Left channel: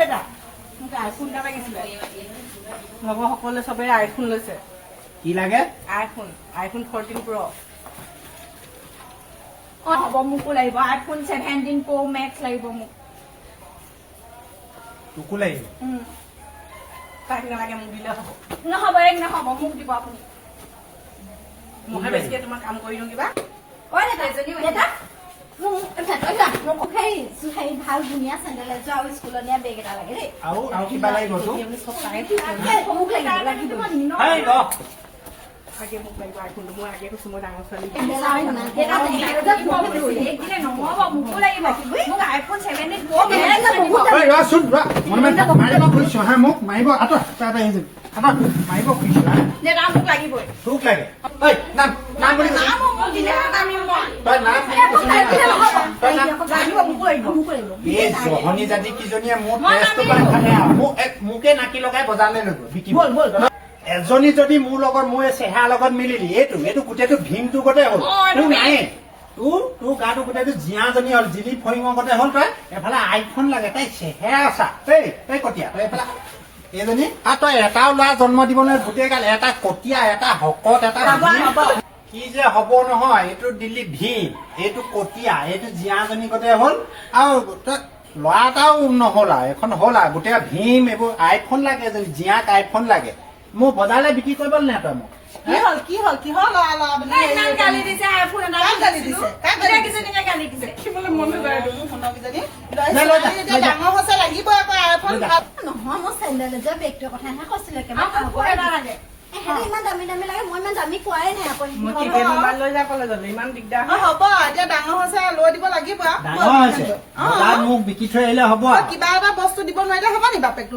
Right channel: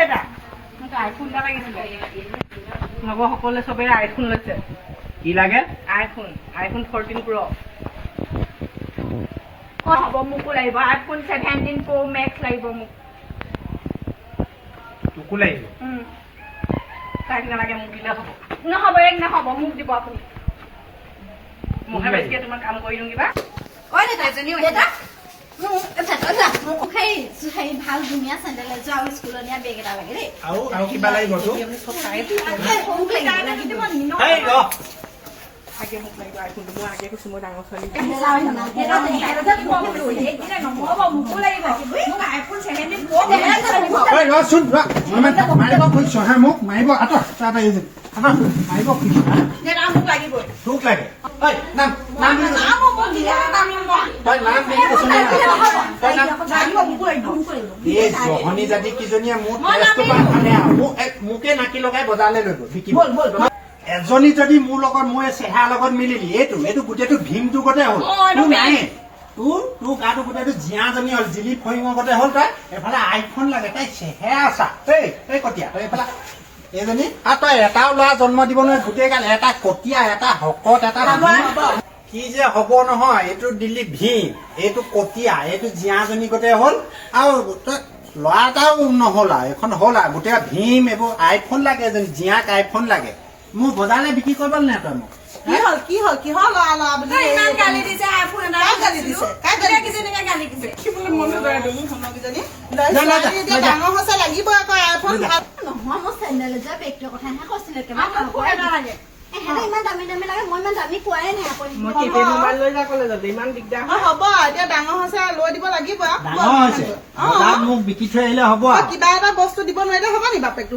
বেটা মোক আইফোন এটা লাগিছিলে লগৰ সকলোৱে চবে আইফোন লৈছে কি লাগে আইফোন 14 Pro হ'ব মোকো লাগিব আইফোন 17 Pro Max লাগিব মোক তোকো লাগিব তাক নালাগে মোক দিলে হ'ব নহ'ব এক নহ'ব মোক দিব আপুনি মহে বেছিকে তোমাক কাম কৰি দিওঁ কিবা কয় না এজনীও এটা সেই ভাল ধুনীয়া চেণ্ডেল এযোৰ আৰু স্কুলত নিয়া বেগ এটা লাগে দেই আৰু কিবা লাগিব তোক মোক লাগিব হেই ৰ আগে মোক লাগিব আইফোনটো মই আগে কৈছোঁ মই ডাঙৰ ছোৱালী ৰচোন মাৰিব খুজিছো হা মোক মাৰিব আঁতৰ মাৰিব খুজিছো মোক লাগিবই তোক লাগে ঐ নাম নাম বুলি তই নাম বুলি এই জহনী জাতি কিজনীয়ে মোৰ তেজটো খালে মোকে নাকি লগাই বজাৰলৈ লৈ গ'ল বিকিব এজনী যদি মোৰ লগত মোৰ চেহেৰা লগত মিলিলি এইটো গোটেইটো ভীমটো গোটেই হ'ল তোৰ নাই তোৰ গাটো গোটেইটো জীয়াজনী হ'ল জিলি ফৰিঙৰ গোটেই হ'ল তই এফালে আইফোন লাগে তাই চেহেৰা আছা এই কটীয়া তই এফালে এইজনী আৰু তই এটাও ল'ৰা জন্ম দিব নোৱাৰি গোটেই গাল এটা কটীয়া এটা শকত এটা কি যে হ'ব নহয় এইটো দিল্লী ভীম এইটো কটীয়া এইটো জীয়াজনী গোটেই হ'ল আৰু তই ল'ৰা এটাও নহ'ল আৰু এখন হ'ল আৰু গোটেই ভীম এইবোৰ আইফোন লাগে এজনী জীয়াক আইফোন লাগে মোৰ বজাৰলৈ বিক্ৰী কৰিব নাই তই মোক কিহৰ ল'ৰা বুলি ইমান গালি দিছে আইফোন এটা গালি দিছে কিজনীকে গালি দিছে দেখিবলৈ মন নকৰে মোৰ শুনকিজনী ডাঙৰ হৈছে লাগিব আকৌ আইফোন নহয় মোৰ চেণ্ডেল এযোৰ বেগটোৰ কথাহে কৈছিলে লাগে ইমান দামী দামী লাগে মই ইমান দামী কোৱাই নাই আকৌ মই কেতিয়া মোবাইল লৈ যাব লাগিব ইমান দিগদাৰ হ'ব এতিয়া ডাঙৰ হৈছে লৈ দিব লাগিব ডাঙৰ হৈছে মোক বিকি থৈ আহিলে হ'ব কিবা এটা বস্তু দিব নোৱাৰিলে হ'ব নি বাপেকটো